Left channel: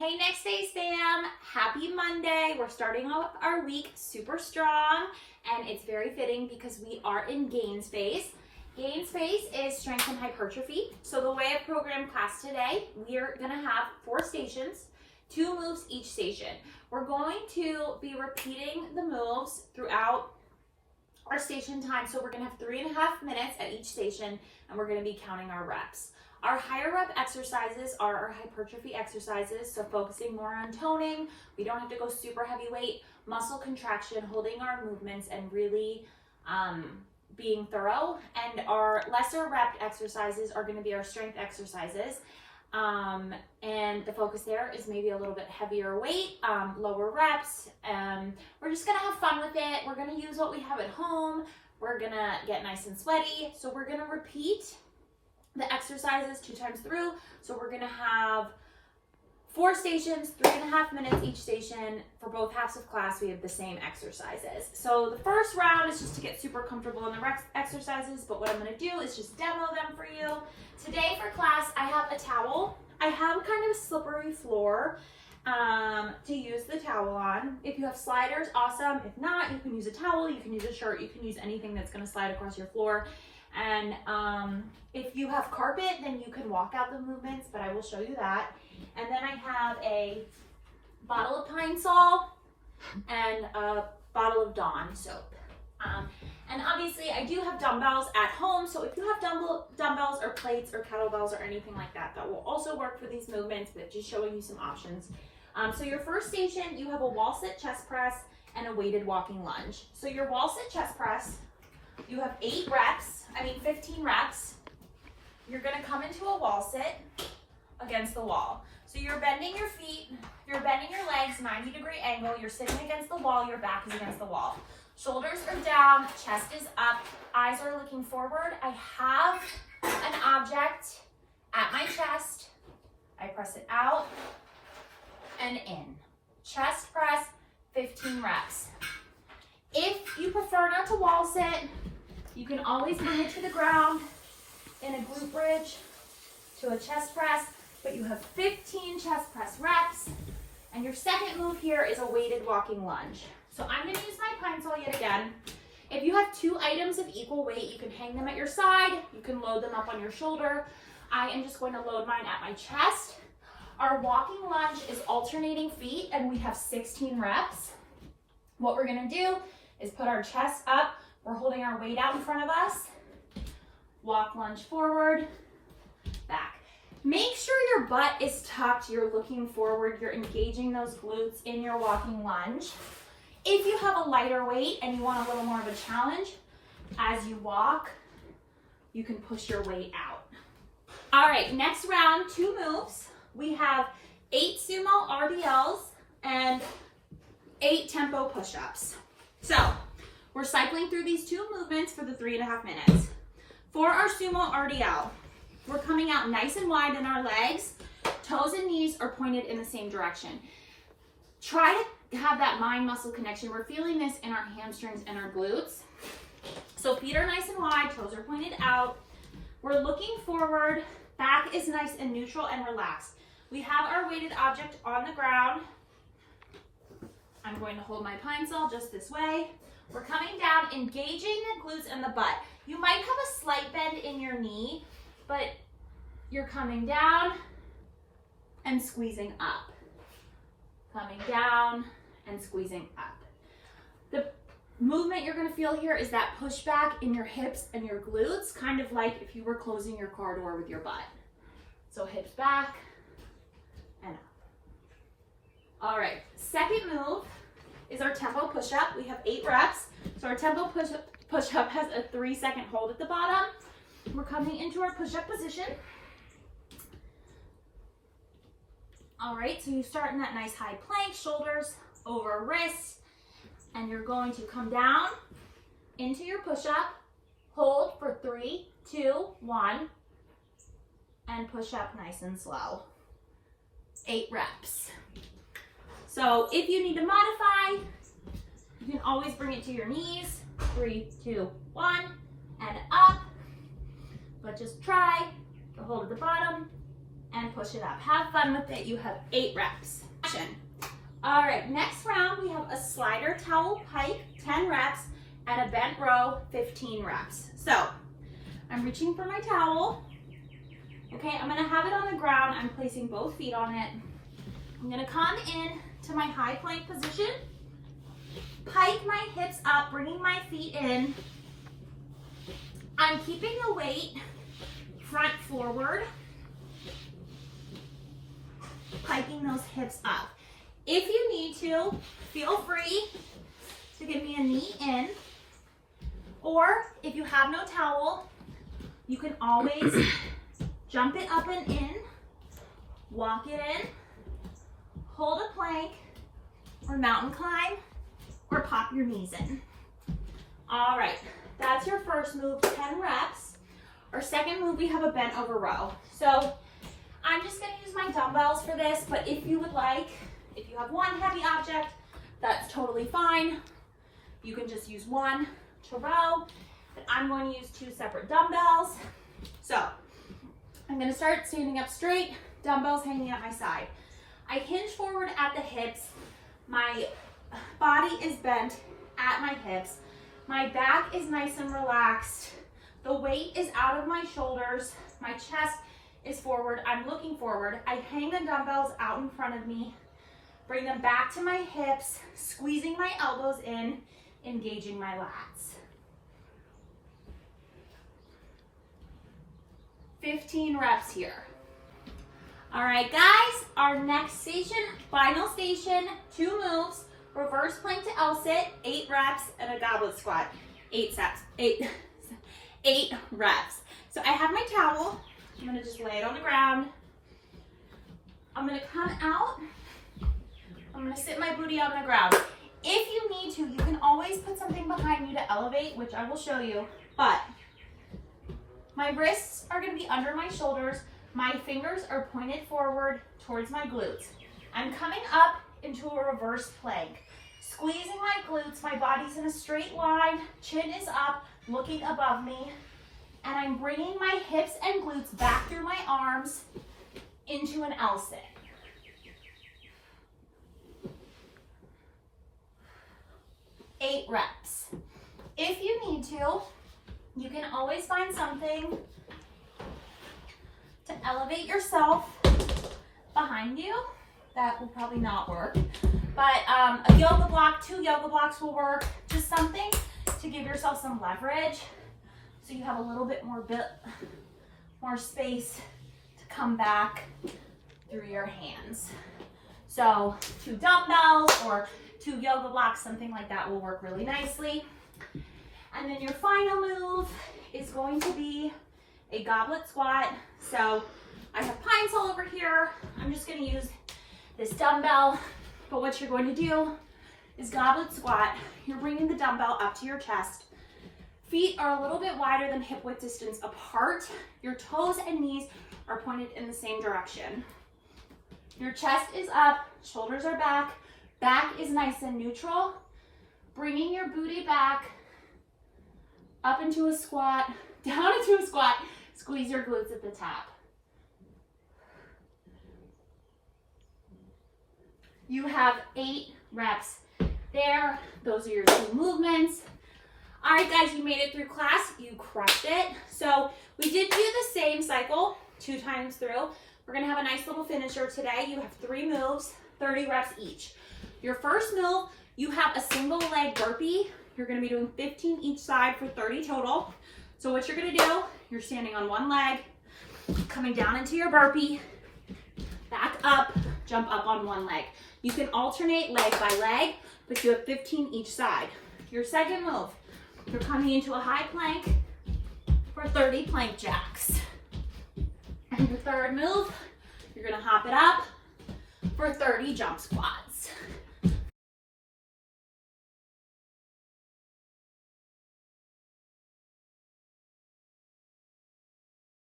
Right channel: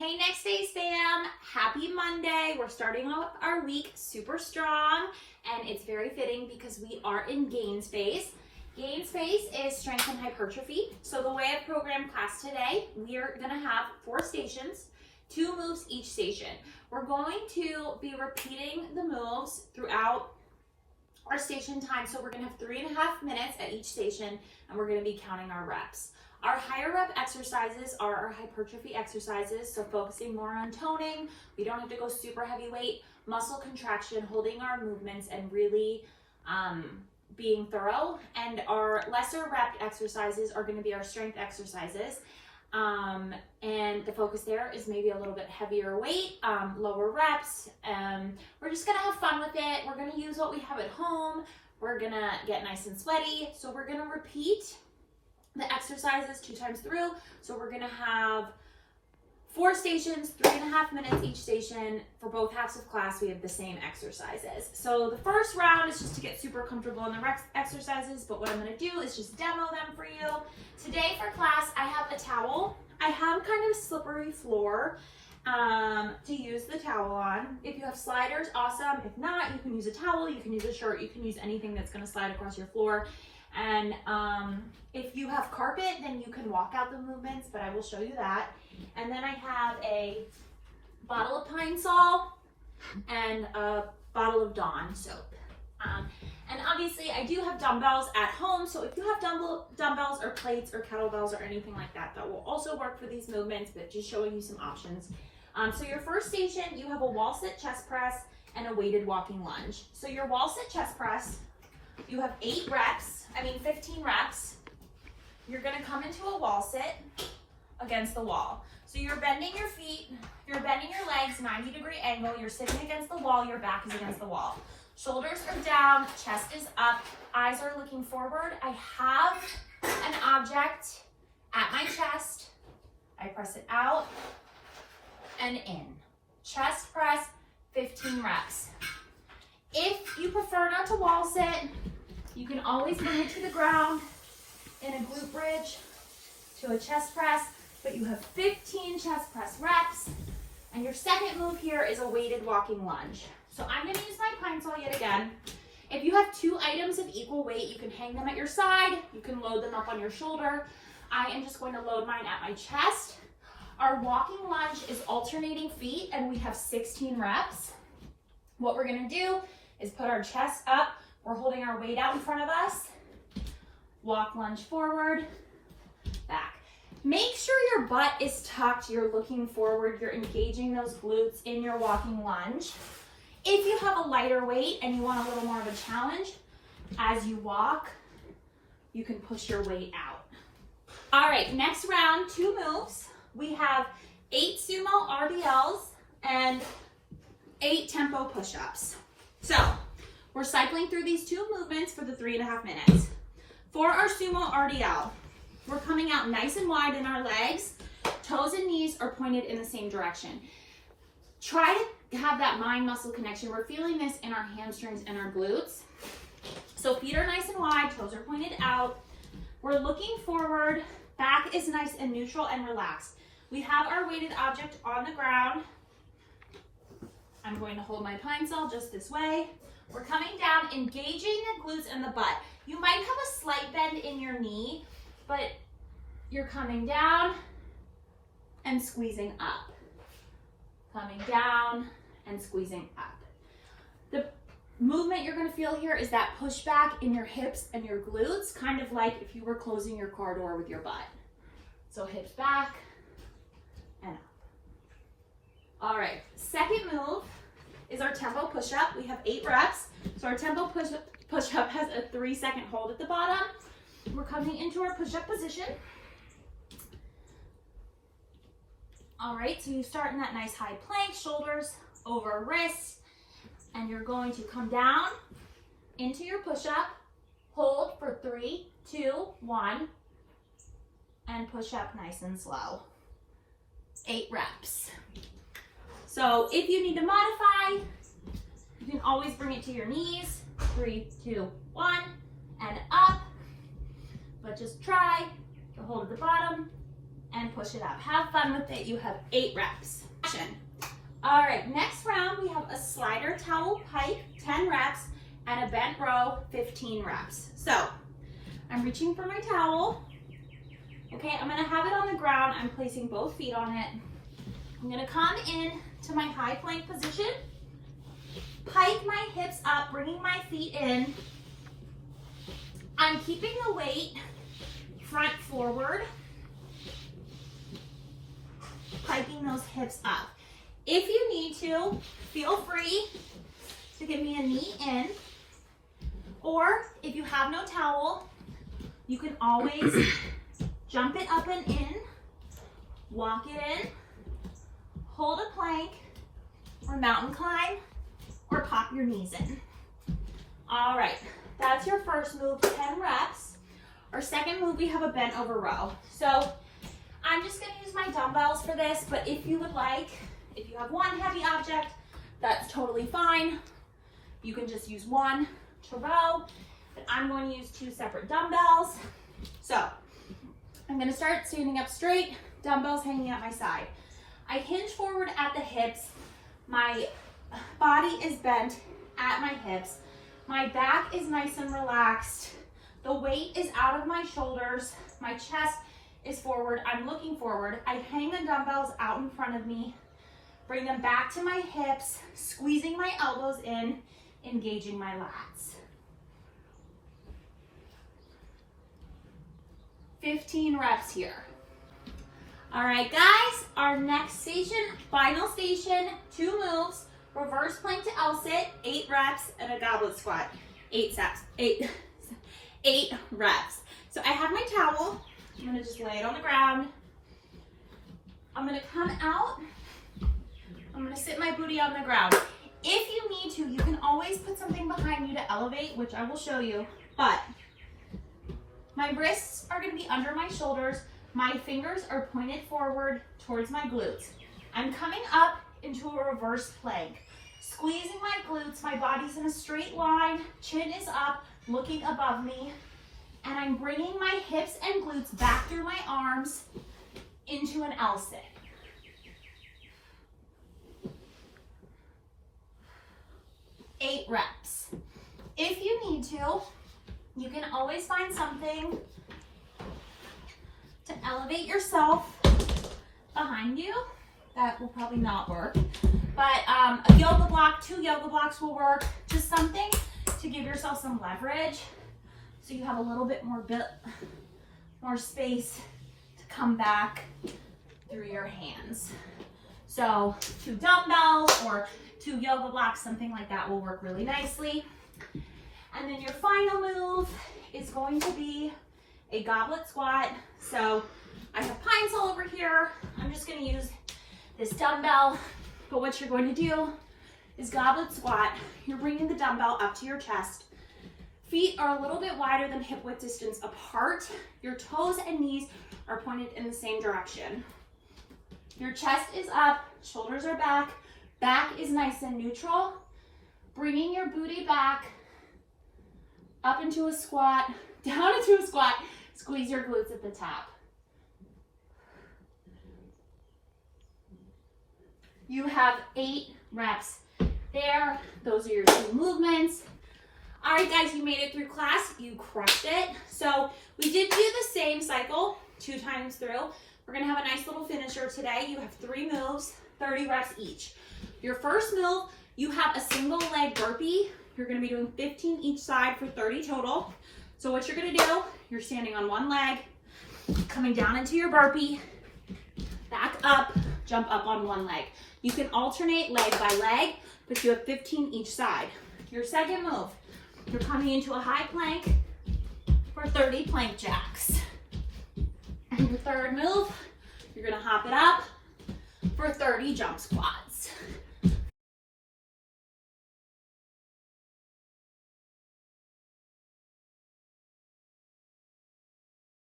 Hey Next Days fam, happy Monday. We're starting off our week super strong and it's very fitting because we are in gains phase. Gains phase is strength and hypertrophy. So the way I programmed class today, we are gonna have 4 stations, 2 moves each station. We're going to be repeating the moves throughout our station time. So we're gonna have 3.5 minutes at each station and we're gonna be counting our reps. Our higher rep exercises are our hypertrophy exercises, so focusing more on toning. We don't have to go super heavy weight, muscle contraction, holding our movements and really being thorough. And our lesser rep exercises are gonna be our strength exercises. And the focus there is maybe a little bit heavier weight, lower reps. We're just gonna have fun with it. We're gonna use what we have at home. We're gonna get nice and sweaty. So we're gonna repeat the exercises 2 times through. So we're gonna have 4 stations, 3.5 minutes each station. For both halves of class, we have the same exercises. So the first round is just to get super comfortable in the exercises, but what I'm gonna do is just demo them for you. Today for class, I have a towel. I have kind of a slippery floor to use the towel on. If you have sliders, awesome. If not, you can use a towel, you can use a shirt, you can use anything that's gonna slide across your floor. And if you have carpet, then you can walk out the movements, but I will show you that. And then I have a bottle of Pine Sol and a bottle of Dawn soap. And obviously I do have dumbbells at home, so if you have dumbbells or plates or kettlebells or anything like that, that will also work for these movements, but just showing you some options. So your first station, you have a wall sit chest press and a weighted walking lunge. So your wall sit chest press, you have 15 reps. You're gonna come into a wall sit against the wall. So you're bending your feet, you're bending your legs, 90-degree angle, you're sitting against the wall, your back is against the wall. Shoulders are down, chest is up, eyes are looking forward. I have an object at my chest. I press it out and in. Chest press, 15 reps. If you prefer not to wall sit, you can always bring it to the ground in a glute bridge to a chest press, but you have 15 chest press reps. And your second move here is a weighted walking lunge. So I'm gonna use my Pine Sol yet again. If you have 2 items of equal weight, you can hang them at your side, you can load them up on your shoulder. I am just going to load mine at my chest. Our walking lunge is alternating feet and we have 16 reps. What we're gonna do is put our chest up. We're holding our weight out in front of us. Walk, lunge forward, back. Make sure your butt is tucked, you're looking forward, you're engaging those glutes in your walking lunge. If you have a lighter weight and you want a little more of a challenge, as you walk, you can push your weight out. All right, next round, 2 moves. We have 8 Sumo RDLs and 8 tempo push-ups. So, we're cycling through these 2 movements for the 3.5 minutes. For our Sumo RDL, we're coming out nice and wide in our legs. Toes and knees are pointed in the same direction. Try to have that mind-muscle connection. We're feeling this in our hamstrings and our glutes. So feet are nice and wide, toes are pointed out. We're looking forward, back is nice and neutral and relaxed. We have our weighted object on the ground. I'm going to hold my Pine Sol just this way. We're coming down, engaging the glutes and the butt. You might have a slight bend in your knee, but you're coming down and squeezing up. Coming down and squeezing up. The movement you're gonna feel here is that pushback in your hips and your glutes, kind of like if you were closing your car door with your butt. So hips back and up. All right, second move is our tempo push-up. We have 8 reps. So our tempo push-up has a 3-second hold at the bottom. We're coming into our push-up position. All right, so you start in that nice high plank, shoulders over wrists, and you're going to come down into your push-up, hold for 3, 2, 1, and push up nice and slow. 8 reps. So if you need to modify, you can always bring it to your knees. 3, 2, 1, and up. But just try to hold at the bottom and push it up. Have fun with it. You have 8 reps. All right, next round, we have a slider towel pike, 10 reps, and a bent row, 15 reps. So I'm reaching for my towel. Okay, I'm gonna have it on the ground. I'm placing both feet on it. I'm gonna come in to my high plank position, pike my hips up, bringing my feet in. I'm keeping the weight front forward, piking those hips up. If you need to, feel free to give me a knee in, or if you have no towel, you can always jump it up and in, walk it in, hold a plank, or mountain climb, or pop your knees in. All right, that's your first move, 10 reps. Our second move, we have a bent over row. So I'm just gonna use my dumbbells for this, but if you would like, if you have one heavy object, that's totally fine. You can just use one to row, but I'm going to use 2 separate dumbbells. So I'm gonna start standing up straight, dumbbells hanging at my side. I hinge forward at the hips. My body is bent at my hips. My back is nice and relaxed. The weight is out of my shoulders. My chest is forward. I'm looking forward. I hang the dumbbells out in front of me, bring them back to my hips, squeezing my elbows in, engaging my lats. 15 reps here. All right, guys, our next station, final station, 2 moves, reverse plank to L-sit, 8 reps, and a goblet squat, 8 reps. So I have my towel. I'm gonna just lay it on the ground. I'm gonna come out. I'm gonna sit my booty on the ground. If you need to, you can always put something behind you to elevate, which I will show you, but my wrists are gonna be under my shoulders. My fingers are pointed forward towards my glutes. I'm coming up into a reverse plank, squeezing my glutes. My body's in a straight line, chin is up, looking above me, and I'm bringing my hips and glutes back through my arms into an L-sit. Eight reps. If you need to, you can always find something to elevate yourself behind you. That will probably not work, but a yoga block, 2 yoga blocks will work. Just something to give yourself some leverage, so you have a little bit more space to come back through your hands. So 2 dumbbells or 2 yoga blocks, something like that will work really nicely. And then your final move is going to be a goblet squat. So I have pines all over here. I'm just going to use this dumbbell, but what you're going to do is goblet squat. You're bringing the dumbbell up to your chest. Feet are a little bit wider than hip width distance apart. Your toes and knees are pointed in the same direction. Your chest is up, shoulders are back, back is nice and neutral. Bringing your booty back, up into a squat, down into a squat, squeeze your glutes at the top. You have 8 reps there. Those are your 2 movements. All right, guys, you made it through class. You crushed it. So we did do the same cycle 2 times through. We're gonna have a nice little finisher today. You have 3 moves, 30 reps each. Your first move, you have a single leg burpee. You're gonna be doing 15 each side for 30 total. So what you're gonna do, you're standing on one leg, coming down into your burpee, back up, jump up on one leg. You can alternate leg by leg, but you have 15 each side. Your second move, you're coming into a high plank for 30 plank jacks. And your third move, you're gonna hop it up for 30 jump squats.